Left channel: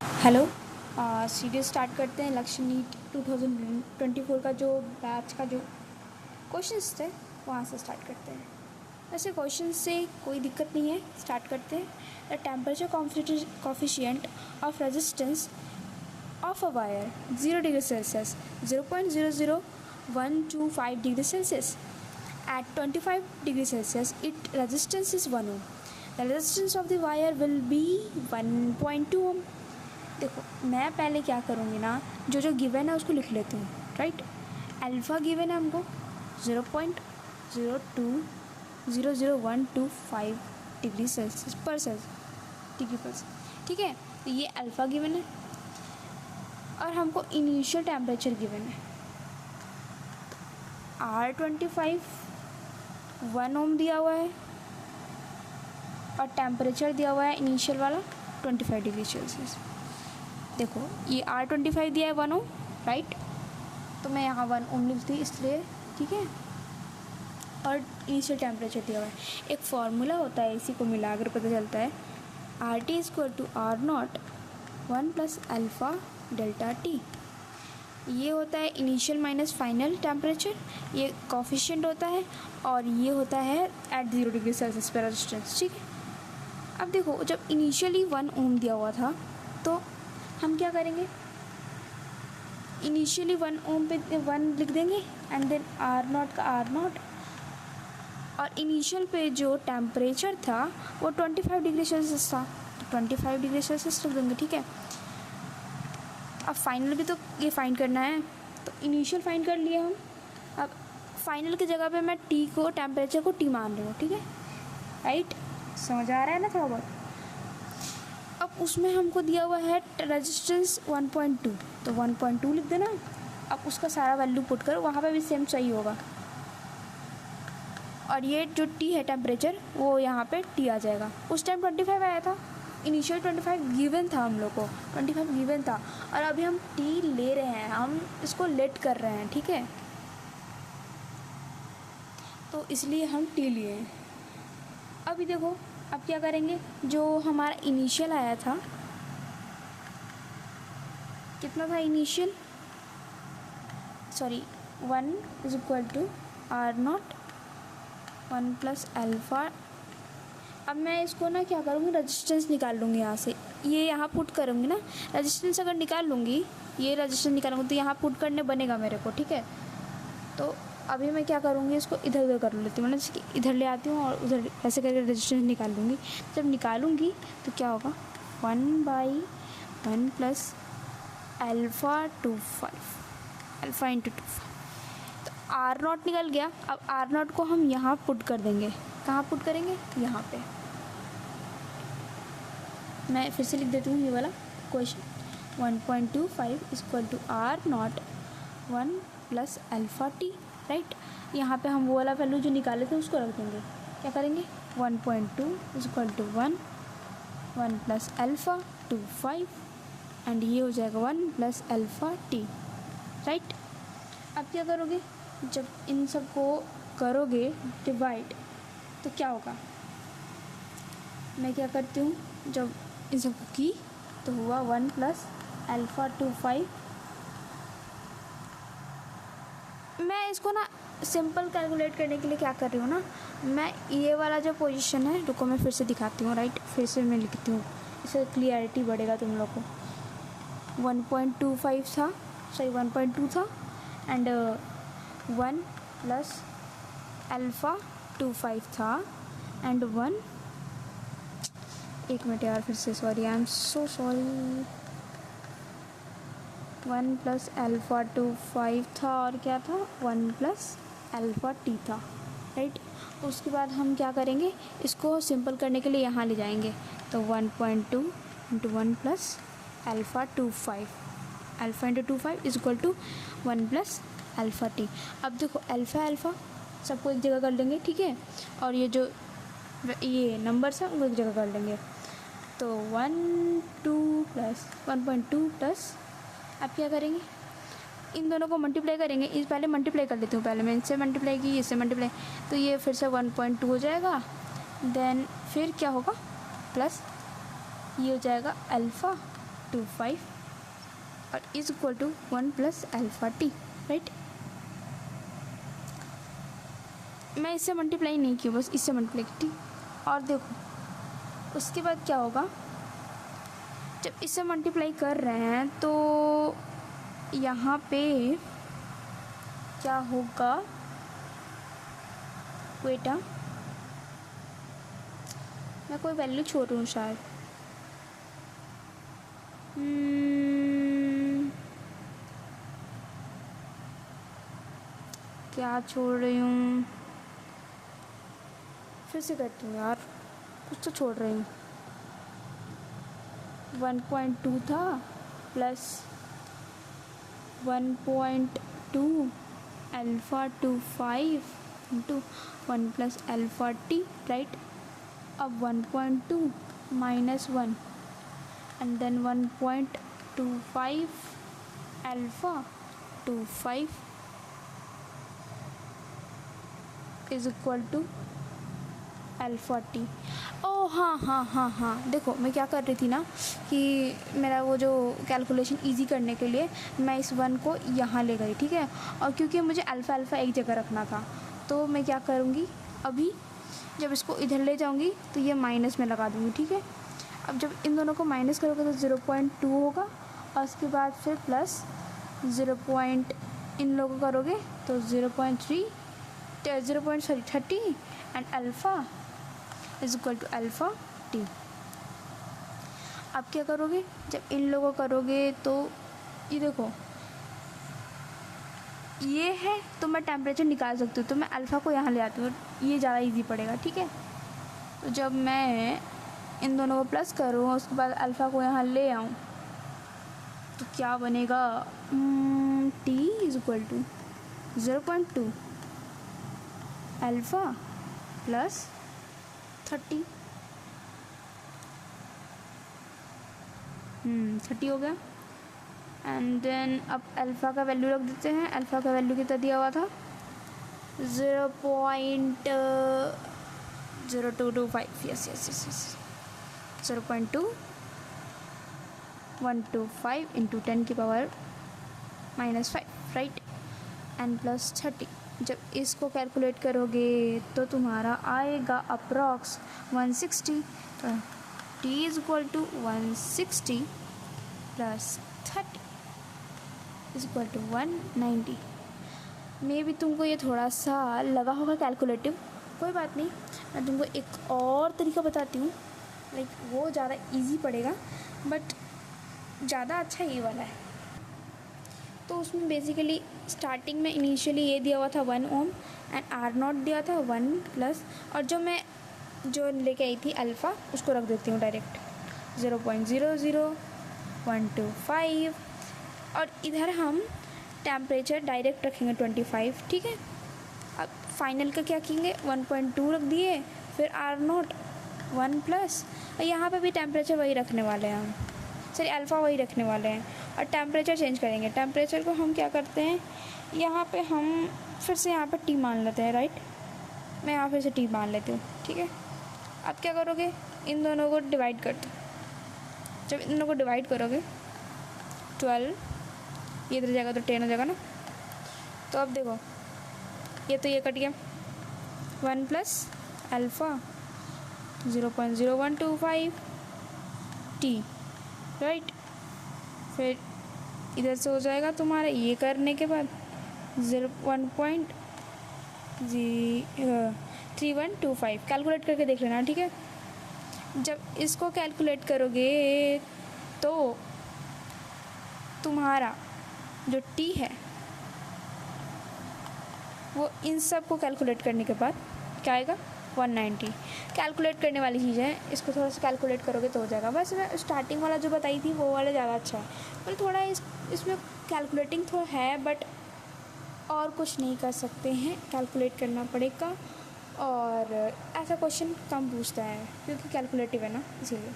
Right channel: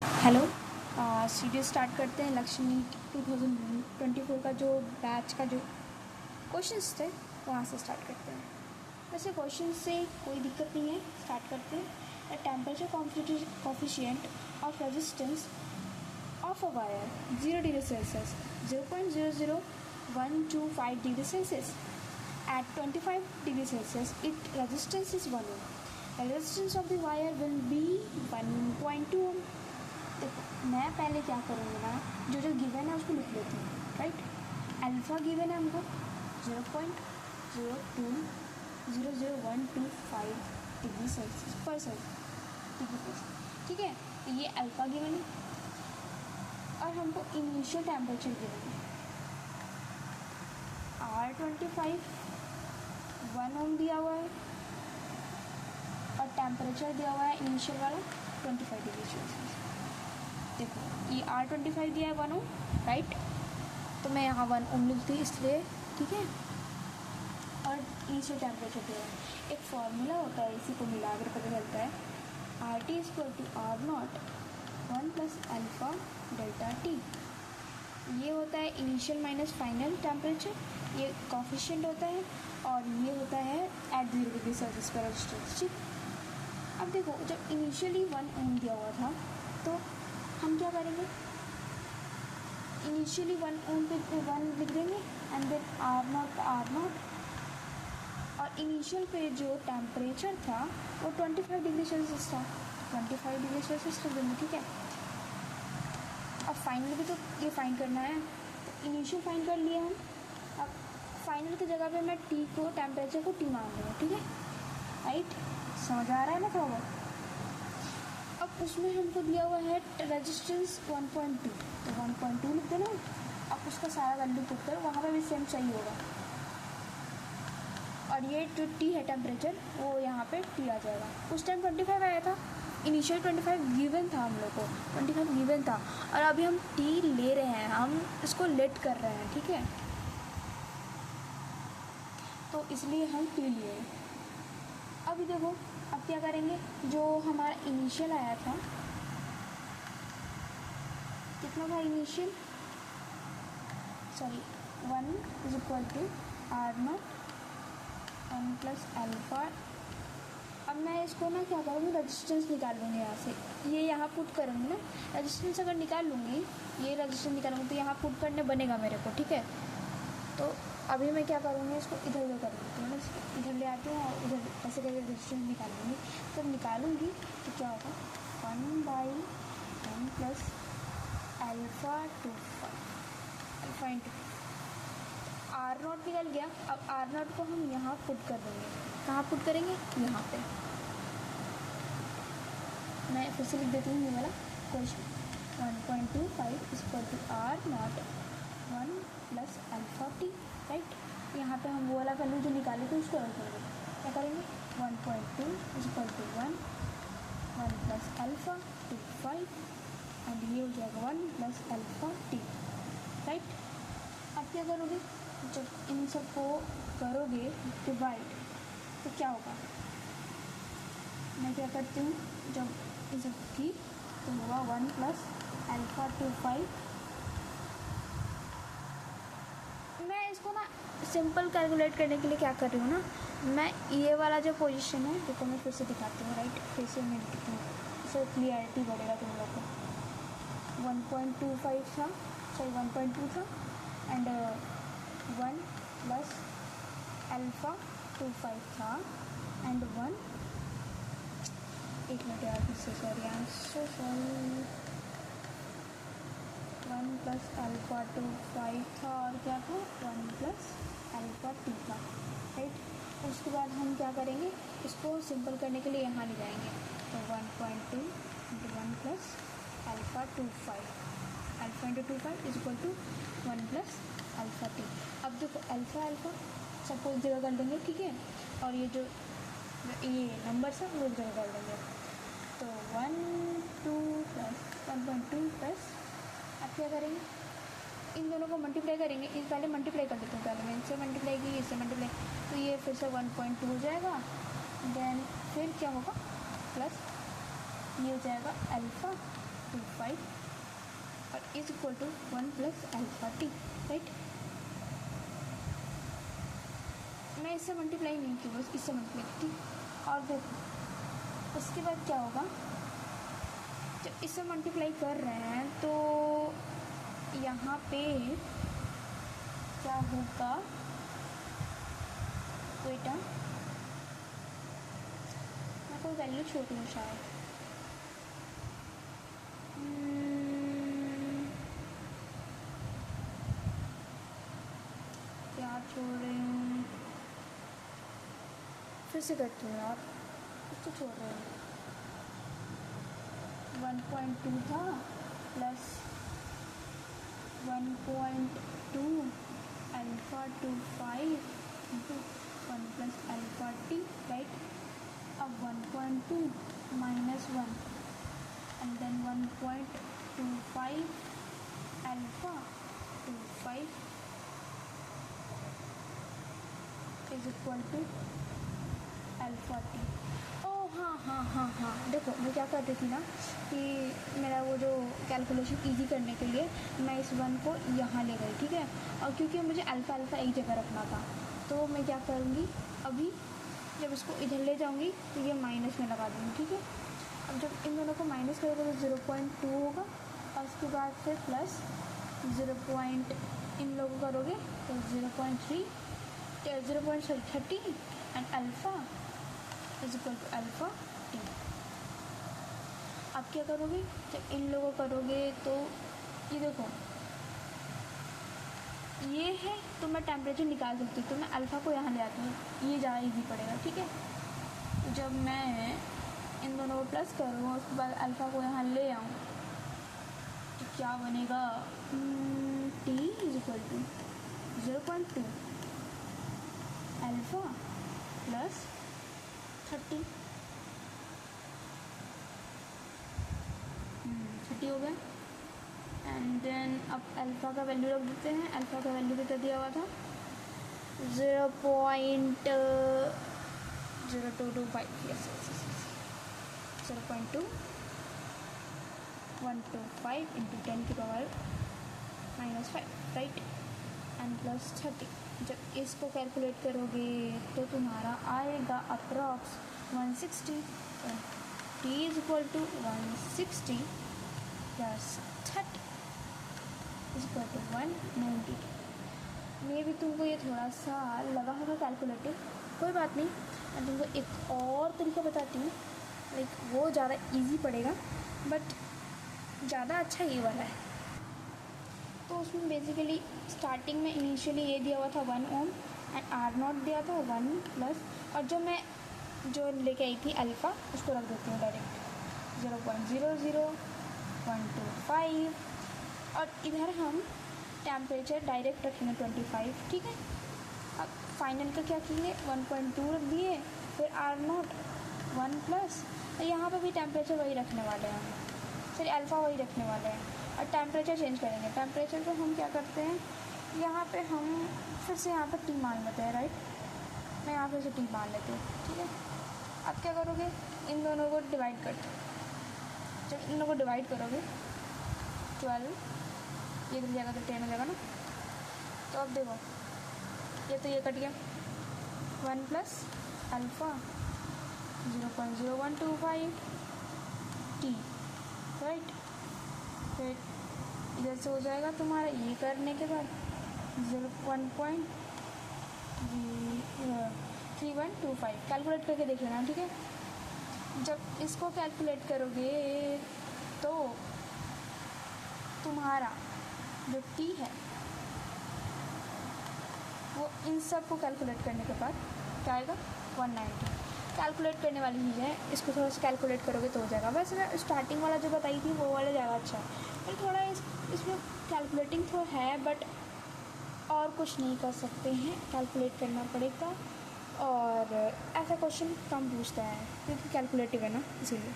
Hello. Series start करते हैं। लक्ष्य नीट 2024 का जो बैच का जो क्वेश्चंस थे वहाँ से स्टार्ट करते हैं। वैसे क्वेश्चन से कोई दिक्कत नहीं है, स्टार्ट करते हैं। The temperature coefficient of resistance of a wire 0 degree Celsius 0.00125 degree Celsius at 25 degree Celsius its resistance is 1 ohm. The resistance of the wire will be 1.2 ohm. देखो मैं पहले क्या करूँगी ना, जो गिवन है उसको लिख लेती हूँ, राइट। अल्फ़ा गिवन है हमको 0.0200125 डिग्री सेल्सियस पर डिग्री पर, ठीक है। तो ये अल्फ़ा गिवन है और हमको इनिशियल टेम्परेचर गिवन है R25 1 ओम दिया हुआ है और टेम्परेचर दिया हुआ है इनिशियल वाला 25 डिग्री सेल्सियस। देखो ये R25 दिया है 1 ओम, राइट। तो मैं यहाँ 1 ओम लिखती हूँ इसलिए, ठीक है। और इनिशियल टेम्परेचर दिया हुआ है। एक फार्मूला होता है, इसी को मिलाकर पता चलता है RT = R0 1 + alpha delta T. ये होता है इनिशियल माइनस फाइनल टेम्परेचर, ये कोफिशिएंट होता है और ये होता है एट 0 डिग्री सेल्सियस पर रेजिस्टेंस, ठीक है। अब देखो जब इनिशियली 1 ओम दिया हुआ था तो हम क्या करेंगे, इनिशियली 1 ओम पे 1 लिख देंगे एंड देन R0 का R0 और इनिशियल पे जो टेम्परेचर था वो 25 डिग्री सेल्सियस था, तो 25 डिग्री सेल्सियस लिख देंगे, ठीक है। अब फाइनल भी तो ये फाइंड करना है, तो इनिशियल फाइंड कर लिए हम। अब फाइनल की जगह पे मैं टी को, टेम्परेचर को टी मान रही हूँ, ठीक है, राइट। समझ आ रहा है ना थोड़ा बहुत। अब उसमें हमको दिया हुआ है रेजिस्टेंस 1.2, तो 1.2 लिख देना। अब उसका सारा वैल्यू पुट करो, वहाँ पे भी सेम सही होगा। और ये जो टी है टेम्परेचर वो यहाँ पे टी आ जाएगा। उस टाइम 25 आया था, इनिशियल 25 गिवन था हम लोग को, 25 गिवन था और अभी हम टी ले रहे हैं, हम इसको लेट कर रहे हैं, ठीक है। तो इसलिए हम टी लिए हैं। अभी देखो अब क्या करेंगे, जो हमारा इनिशियल आया था, कितना था इनिशियल, सॉरी 1 = R0 1 + अल्फ़ा। अब मैं इसको ना क्या करूँगी, रेजिस्टेंस निकाल लूँगी यहाँ से, ये यहाँ पुट करूँगी ना। रेजिस्टेंस अगर निकाल लूँगी, ये रेजिस्टेंस निकालूँगी तो यहाँ पुट करने बनेगा मेरे को, ठीक है। तो अभी मैं क्या करूँगी, इसको इधर उधर कर लेती हूँ, मतलब इधर ले आती हूँ और उधर ऐसे करके रेजिस्टेंस निकाल लूँगी। जब निकालूँगी तो क्या होगा, 1/1 + अल्फ़ा 25 अल्फ़ा × 25। तो R0 निकल गया। अब R0 को हम यहाँ पुट कर देंगे। कहाँ पुट करेंगे, यहाँ पे। मैं फिर से लिख देती हूँ ये वाला question, 1.25 = R0 1 + alpha T, right. यहाँ पे हम वो वाला वैल्यू जो निकाले थे उसको रख देंगे। क्या करेंगे, 1.2 = 1 + अल्फ़ा 25 एंड ये हो जाएगा 1 + अल्फ़ा टी, राइट। अब क्या करोगे, जब इन सबको करोगे डिवाइड तो क्या होगा, मैं क्या करती हूँ, जब इन सबको की तो हुआ 1 + अल्फ़ा 25। मैं इसको ना सिंपल कैलकुलेट करने के लिए क्या कर रही हूँ ना, मैं ये वाला जो पोजीशन है, रुको मैं फिर से दिखाती हूँ, राइट। फिर से मैं लिखती हूँ, इससे क्लियरिटी बढ़ेगा तुम लोग को। 1.25 था, सॉरी 1.2 था एंड 1 + अल्फ़ा 25 था एंड 1, एक मिनट यार, फिर से sorry, I am so sorry. 1 + alpha 25 था और क्या था, 1 + अल्फ़ा टी था, राइट। उसके बाद हम क्या करेंगे, इसको सिंपल करने के लिए यहाँ ले जाएंगे, तो 1.2 × 1 + अल्फ़ा 25 अल्फ़ा × 25 = 1 + अल्फ़ा टी। अब देखो अल्फ़ा सबको एक जगह कर लेंगे, ठीक है। और ये जो ये नंबर सब उनको एक जगह कर लेंगे, तो 1.2 + अब क्या करेंगे, इन दोनों को मल्टीप्लाई करेंगे। इस पहले मल्टीप्लाई कर लेती हूँ, पहले मैं इनसे मल्टीप्लाई की, इससे मल्टीप्लाई, तो ये फिर से 1.2 हो जाएगा। देन फिर क्या होगा, प्लस ये हो जाएगा अल्फ़ा 25 और is equal to 1 plus alpha T, right. मैं इससे मल्टीप्लाई नहीं की, बस इससे मल्टीप्लाई की, ठीक। और देखो उसके बाद क्या होगा, जब इससे मल्टीप्लाई कर रहे हैं तो यहाँ पे क्या होगा, बेटा मैं कोई वैल्यू छोड़ूँ शायद, क्या छोड़ रही हूँ, फिर से करती हूँ यार, कुछ तो छोड़ रही हूँ। 1.2 था plus 1.2 alpha 25 into 1 plus alpha T, right. अब 1.2 minus 1 and then 1.25 alpha 25 is equal to alpha T. ओ हाँ, देखो मैं क्या कर रही थी ना कि मेरा वो जो कैलकुलेशन इजी करने के लिए मैं इस 1 को यहाँ ले गई, ठीक है। और क्योंकि मुझे अल्फ़ा एक जगह रखना था, तो मैं क्या करूँगी, अभी जब इसको इधर ले जाऊँगी तो ये माइनस में लगा दूँगी, ठीक है। अब जब इन दोनों को माइनस करोगे तो 0.2 होगा और उसके बाद फिर प्लस 0. इन लोगों करोगे तो 0.30 and alpha is equal to alpha t. अब क्या करोगे, जब इन लोगों करोगे तो ये देखो ये है, तो मैं टेम्परेचर निकाल सकती हूँ, तो मैं अल्फ़ा को यहाँ ले आती हूँ, तो ये ज़्यादा इजी पड़ेगा, ठीक है। तो जब मैं इन दोनों को प्लस करूँ उसके बाद अल्फ़ा को यहाँ ले आऊँ तो क्या बनेगा, t is equal to 0.2 alpha plus 30 30 हो गया। एंड देन अब अल्फ़ा का वैल्यू रख देते हैं, अल्फ़ा का वैल्यू कितना दिया हुआ था 0.0225, यस 0.2125 इंटू 10 की पावर -5, राइट, एंड प्लस 30। जब इसको कैलकुलेट करोगे तो तुम्हारा आएगा approx 160, t is equal to 160 plus 30 is equal to 190। मे भी तुमको ये थोड़ा सा लगा होगा कैलकुलेटिव, कोई बात नहीं, मैं तुमको एक और तरीका बताती हूँ, लाइक वो ज़्यादा इजी पड़ेगा बट ज़्यादा अच्छा ये वाला है। तो उसमें बेसिकली स्टार्टिंग में इनिशियली ये दिया हुआ था 1 ओम एंड R0 दिया था 1 प्लस, और जो लेके आई थी अल्फ़ा उसको रख देती हूँ डायरेक्ट 0.00125, और इधर हम टेम्परेचर डायरेक्ट रखेंगे 25, ठीक है। अब फाइनल का क्या किएंगे, 1.2 रख दिए, फिर R0 1 प्लस, और यहाँ पे भी टेम्परेचर वही रखने वाले हैं हम, सॉरी अल्फ़ा वही रखने वाले हैं, और टेम्परेचर चेंज करेंगे। टेम्परेचर को हम क्या करते हैं, यहाँ पे हम फिर से यहाँ पे टी मान लेते हैं, राइट। मैं यहाँ फिर से टी मान लेती हूँ, ठीक है। अब क्या करोगे, इन दोनों को डिवाइड कर दो। जब इन दोनों को डिवाइड करोगे 12, ये इधर जाएगा तो 10 हो जाएगा ना। तो अब देखो ये तो ये कट गया, 1 प्लस अल्फ़ा 0.0125 टी, राइट। फिर इधर से हो जाएगा तुम्हारा ये करने के बाद 1.3125, कैलकुलेट करके देख लेना, ठीक है। जब इसको कैलकुलेट करोगे तो तुम्हारा जो टी है वो इन सब को कैलकुलेट करने के बाद क्या आएगा 190। कैलकुलेट करने वाली चीज़ है, इसको थोड़ा सा कैलकुलेट करोगे तो हो जाएगा। बस मैं स्टार्टिंग वाला जो बताई थी वो वाला ज़्यादा अच्छा है, पर थोड़ा इसमें कैलकुलेटिंग तो है बट और कुछ नहीं कर सकते हैं, कैलकुलेट करना पड़ेगा। और ऐसा क्वेश्चन कम पूछता है क्योंकि कैलकुलेटिव है ना, इसीलिए।